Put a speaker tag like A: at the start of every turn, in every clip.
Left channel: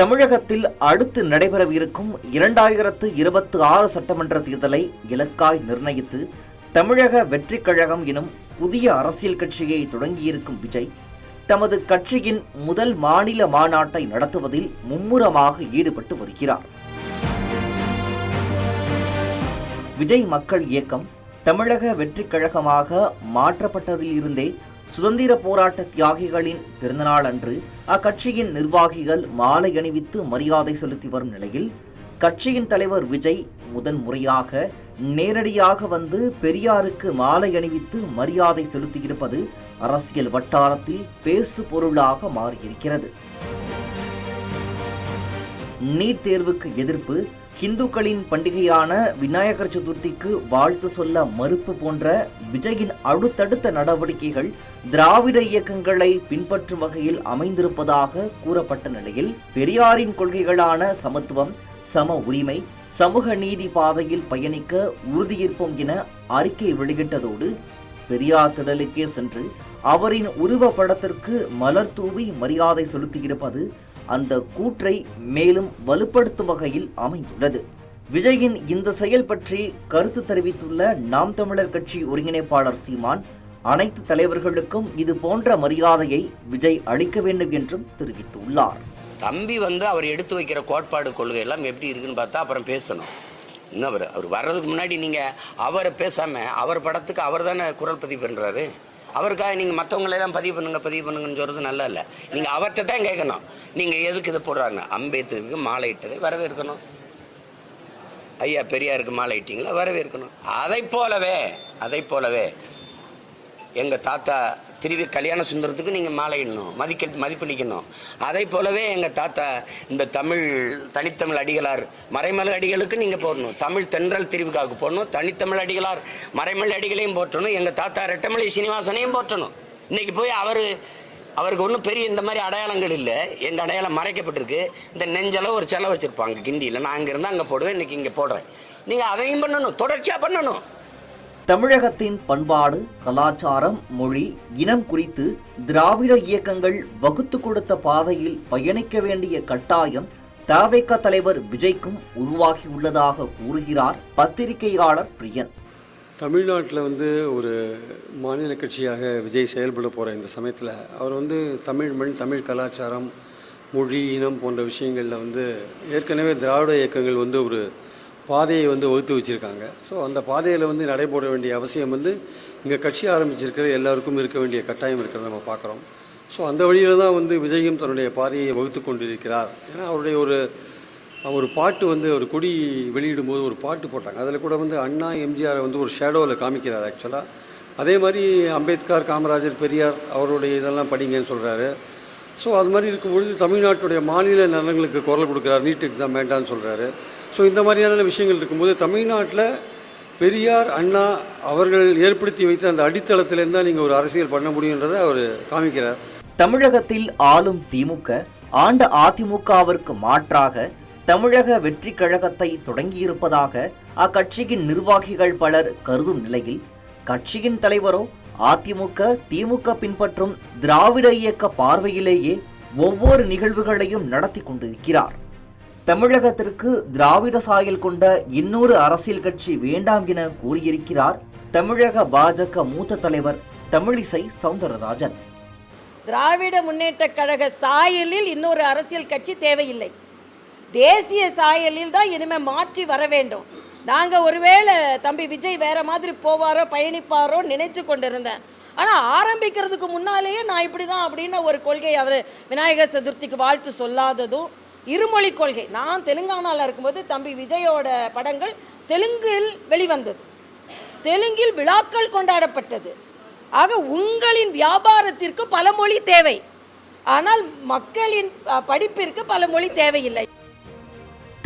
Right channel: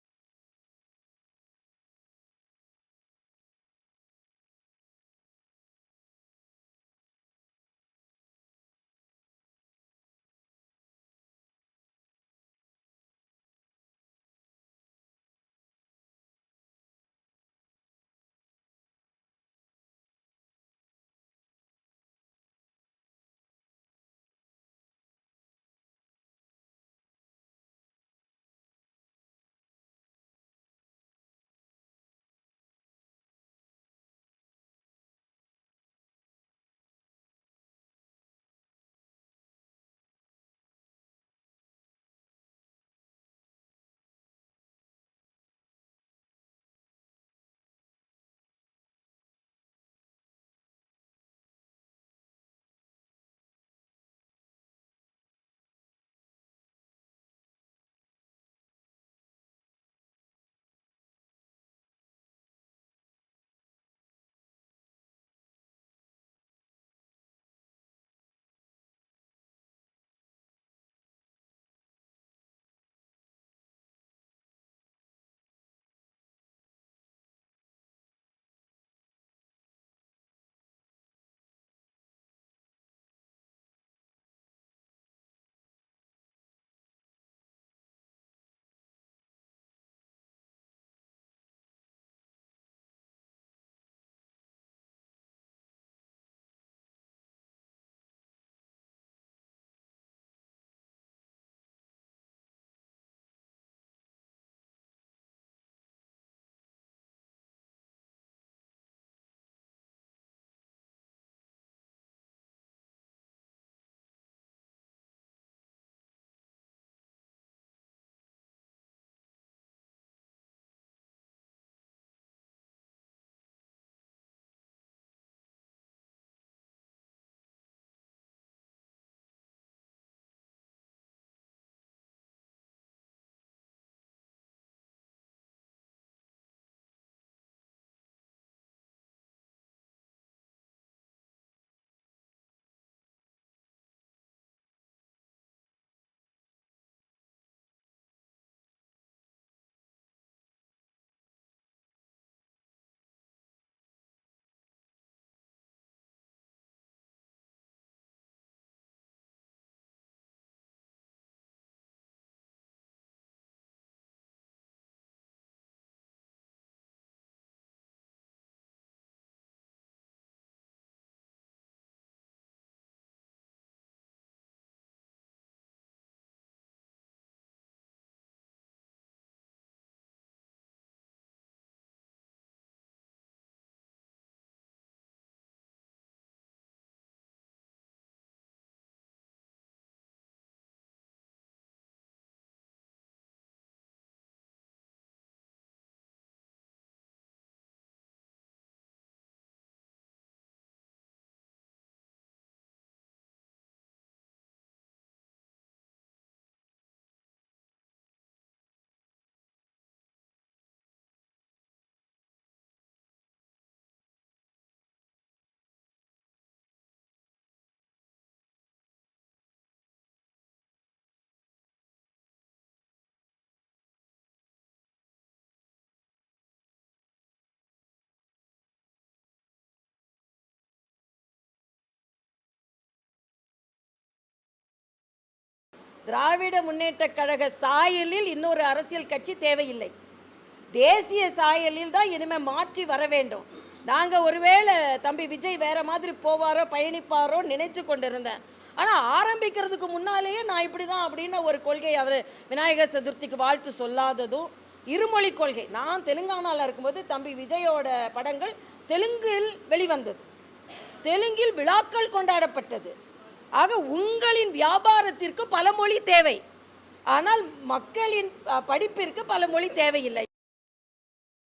A: தமிழகத்தில் அடுத்து நடைபெறவிருக்கும் இரண்டாயிரத்து இருபத்தி ஆறு சட்டமன்ற தேர்தலை இலக்காய் நிர்ணயித்து தமிழக வெற்றிக் கழகம் எனும் புதிய அரசியல் கட்சியை தொடங்கியிருக்கும் விஜய் தமது கட்சியின் முதல் மாநில மாநாட்டை நடத்துவதில் மும்முரமாக ஈடுபட்டு வருகிறார். விஜய் மக்கள் இயக்கம் தமிழக வெற்றிக் கழகமாக மாற்றப்பட்டதில் இருந்தே சுதந்திர போராட்ட தியாகிகளின் பிறந்தநாள் அன்று அக்கட்சியின் நிர்வாகிகள் மாலை அணிவித்து மரியாதை செலுத்தி வரும் நிலையில் கட்சியின் தலைவர் விஜய் முதன் முறையாக நேரடியாக வந்து பெரியாருக்கு மாலை அணிவித்து மரியாதை செலுத்தியிருப்பது அரசியல் வட்டாரத்தில் பேசு பொருளாக மாறியிருக்கிறது. நீட் தேர்வுக்கு எதிர்ப்பு ஹிந்துக்களின் பண்டிகையான விநாயகர் சதுர்த்திக்கு வாழ்த்து சொல்ல மறுப்பு போன்ற விஜயின் அடுத்தடுத்த நடவடிக்கைகள் திராவிட இயக்கங்களை பின்பற்றும் வகையில் அமைந்திருப்பதாக கூறப்பட்ட நிலையில் பெரியாரின் கொள்கைகளான சமத்துவம் சம உரிமை சமூக நீதி பாதையில் பயணிக்க உறுதியேற்போம் என அறிக்கை வெளியிட்டதோடு பெரியார் திடலுக்கே சென்று அவரின் உருவப்படத்திற்கு மலர் தூவி மரியாதை செலுத்தியிருப்பது அந்த கூற்றை மேலும் வலுப்படுத்தும் வகையில் அமைந்துள்ளது. விஜயின் இந்த செயல் பற்றி கருத்து தெரிவித்துள்ள நாம் தமிழர் கட்சி ஒருங்கிணைப்பாளர் சீமான் அனைத்து தலைவர்களுக்கும் இது போன்ற மரியாதையை விஜய் அளிக்க வேண்டும் என்றும் தெரிவித்துள்ளார்.
B: தம்பி வந்து அவர் எடுத்து வைக்கிற கோட்பாடு கொள்கை எல்லாம் எப்படி இருக்குன்னு பார்த்தா அப்புறம் பேசணும். இன்னும் அவர் அவர் வர்றதுக்கு முன்னாடி நீங்கள் அவரை பேசாமல் அவர் படத்துக்கு அவர் தானே குரல் பதிவு பண்ணுறாரு அவருக்காக நீங்க மற்றவங்களெல்லாம் பதிவு பண்ணுங்க பதிவு பண்ணுங்கன்னு சொல்றது நல்லா இல்ல நீங்க அவர்கிட்ட தான் கேட்கணும். நீங்க எதுக்கு இதை போடுறாங்க? அம்பேத்கருக்கு மாலை இட்டதை வரவேற்கணும். ஐயா பெரியாருக்கு மாலை இட்டிங்களா? வரவேற்கணும். அதை போலவே அதை போலவே எங்க தாத்தா திருவி கல்யாண சுந்தரத்துக்கு நீங்க மாலையிடணும் மதிக்க மதிப்பளிக்கணும் அதை போலவே எங்க தாத்தா இந்த தமிழ் தனித்தமிழ் அடிகளார் மறைமலை அடிகளுக்கு நீங்க போடணும். தமிழ் தென்றல் திருவிக்காவுக்கு போடணும் தனித்தமிழ் அடிகளார் மறைமலை அடிகளையும் போற்றணும் எங்க தாத்தா ரெட்டமலை சீனிவாசனையும் போற்றணும். இன்னைக்கு போய் அவரு அவருக்கு ஒன்றும் பெரிய இந்த மாதிரி அடையாளங்கள் இல்லை. எங்கள் அடையாளம் மறைக்கப்பட்டிருக்கு. இந்த நெஞ்சளவு ஒரு செலவு வச்சுருப்பாங்க கிண்டியில். நான் அங்க அங்கே போடுவேன் இன்றைக்கி இங்கே போடுறேன். நீங்கள் அதையும் பண்ணணும் தொடர்ச்சியாக பண்ணணும்.
A: தமிழகத்தின் பண்பாடு கலாச்சாரம் மொழி இனம் குறித்து திராவிட இயக்கங்கள் வகுத்து கொடுத்த பாதையில் பயணிக்க வேண்டிய கட்டாயம் தவேக தலைவர் விஜய்க்கும் உருவாகியுள்ளதாக கூறுகிறார் பத்திரிகையாளர் பிரியன்.
C: தமிழ்நாட்டில் வந்து ஒரு மாநில கட்சியாக விஜய் செயல்பட போகிற இந்த சமயத்தில் அவர் வந்து தமிழ் மண் தமிழ் கலாச்சாரம் மொழி இனம் போன்ற விஷயங்களில் வந்து ஏற்கனவே திராவிட இயக்கங்கள் வந்து ஒரு பாதையை வந்து வகுத்து வச்சுருக்காங்க. ஸோ அந்த பாதையில் வந்து நடைபோட வேண்டிய அவசியம் வந்து இங்கே கட்சி ஆரம்பிச்சிருக்கிற எல்லாருக்கும் இருக்க வேண்டிய கட்டாயம் இருக்கிறத நம்ம பார்க்குறோம். ஸோ அந்த வழியில் தான் வந்து விஜயும் தன்னுடைய பாதையை வகுத்து கொண்டிருக்கிறார். ஏன்னா அவருடைய ஒரு ஒரு பாட்டு வந்து ஒரு கொடி வெளியிடும்போது ஒரு பாட்டு போட்டாங்க. அதில் கூட வந்து அண்ணா எம்ஜிஆரை வந்து ஒரு ஷேடோவில் காமிக்கிறார் ஆக்சுவலாக அதே மாதிரி அம்பேத்கர் காமராஜர் பெரியார் அவருடைய இதெல்லாம் படிங்கன்னு சொல்கிறாரு ஸோ அது மாதிரி இருக்கும்பொழுது தமிழ்நாட்டுடைய மாநில நலன்களுக்கு குரல் கொடுக்குறாரு. நீட் எக்ஸாம் வேண்டான்னு சொல்கிறாரு ஸோ இந்த மாதிரியான விஷயங்கள் இருக்கும்போது தமிழ்நாட்டில் பெரியார் அண்ணா அவர்கள் ஏற்படுத்தி வைத்த அந்த அடித்தளத்திலேருந்து தான் நீங்கள் ஒரு அரசியல் பண்ண முடியுன்றதை அவர் காமிக்கிறார்.
A: தமிழகத்தில் ஆளும் திமுக ஆண்ட அதிமுகவிற்கு மாற்றாக தமிழக வெற்றி கழகத்தை தொடங்கியிருப்பதாக அக்கட்சியின் நிர்வாகிகள் பலர் கருதும் நிலையில் கட்சியின் தலைவரோ அதிமுக திமுக பின்பற்றும் திராவிட இயக்க பார்வையிலேயே ஒவ்வொரு நிகழ்வுகளையும் நடத்தி கொண்டிருக்கிறார். தமிழகத்திற்கு திராவிட சாயல் கொண்ட இன்னொரு அரசியல் கட்சி வேண்டாம் என கூறியிருக்கிறார் தமிழக பாஜக மூத்த தலைவர் தமிழிசை சவுந்தரராஜன்.
D: திராவிட முன்னேற்ற கழக சாயலில் இன்னொரு அரசியல் கட்சி தேவையில்லை. தேசிய சாயலில் தான் இனிமேல் மாற்றி வர வேண்டும். நாங்கள் ஒருவேளை தம்பி விஜய் வேற மாதிரி போவாரோ பயணிப்பாரோ நினைத்து கொண்டிருந்தேன். ஆனால் ஆரம்பிக்கிறதுக்கு முன்னாலேயே நான் இப்படி தான் அப்படின்னு ஒரு கொள்கை அவர் விநாயகர் சதுர்த்திக்கு வாழ்த்து சொல்லாததும் இருமொழி கொள்கை. நான் தெலுங்கானாவில் இருக்கும்போது தம்பி விஜயோட படங்கள் தெலுங்கில் வெளிவந்தது. தெலுங்கில் விழாக்கள் கொண்டாடப்பட்டது. ஆக உங்களின் வியாபாரத்திற்கு பல மொழி தேவை. ஆனால் மக்களின் படிப்பிற்கு பல மொழி தேவையில்லை.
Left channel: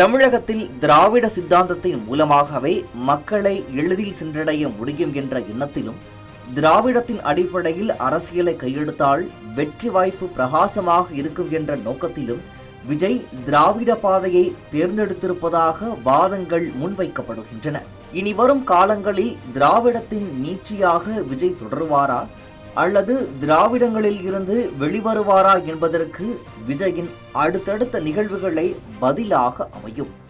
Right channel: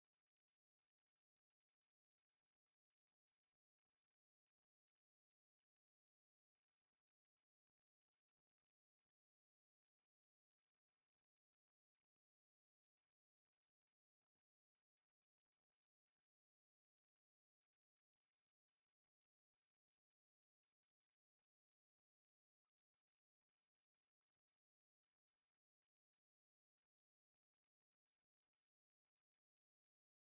A: தமிழகத்தில் திராவிட சித்தாந்தத்தின் மூலமாகவே மக்களை எளிதில் சென்றடைய முடியும் என்ற எண்ணத்திலும் திராவிடத்தின் அடிப்படையில் அரசியலை கையெடுத்தால் வெற்றி வாய்ப்பு பிரகாசமாக இருக்கும் என்ற நோக்கத்திலும் விஜய் திராவிட பாதையை தேர்ந்தெடுத்திருப்பதாக வாதங்கள் முன்வைக்கப்படுகின்றன. இனி வரும் காலங்களில் திராவிடத்தின் நீட்சியாக விஜய் தொடருவாரா? அல்லது திராவிடங்களில் இருந்து வெளிவருவாரா என்பதற்கு விஜயின் அடுத்தடுத்த நிகழ்வுகளை பதிலாக அமையும்.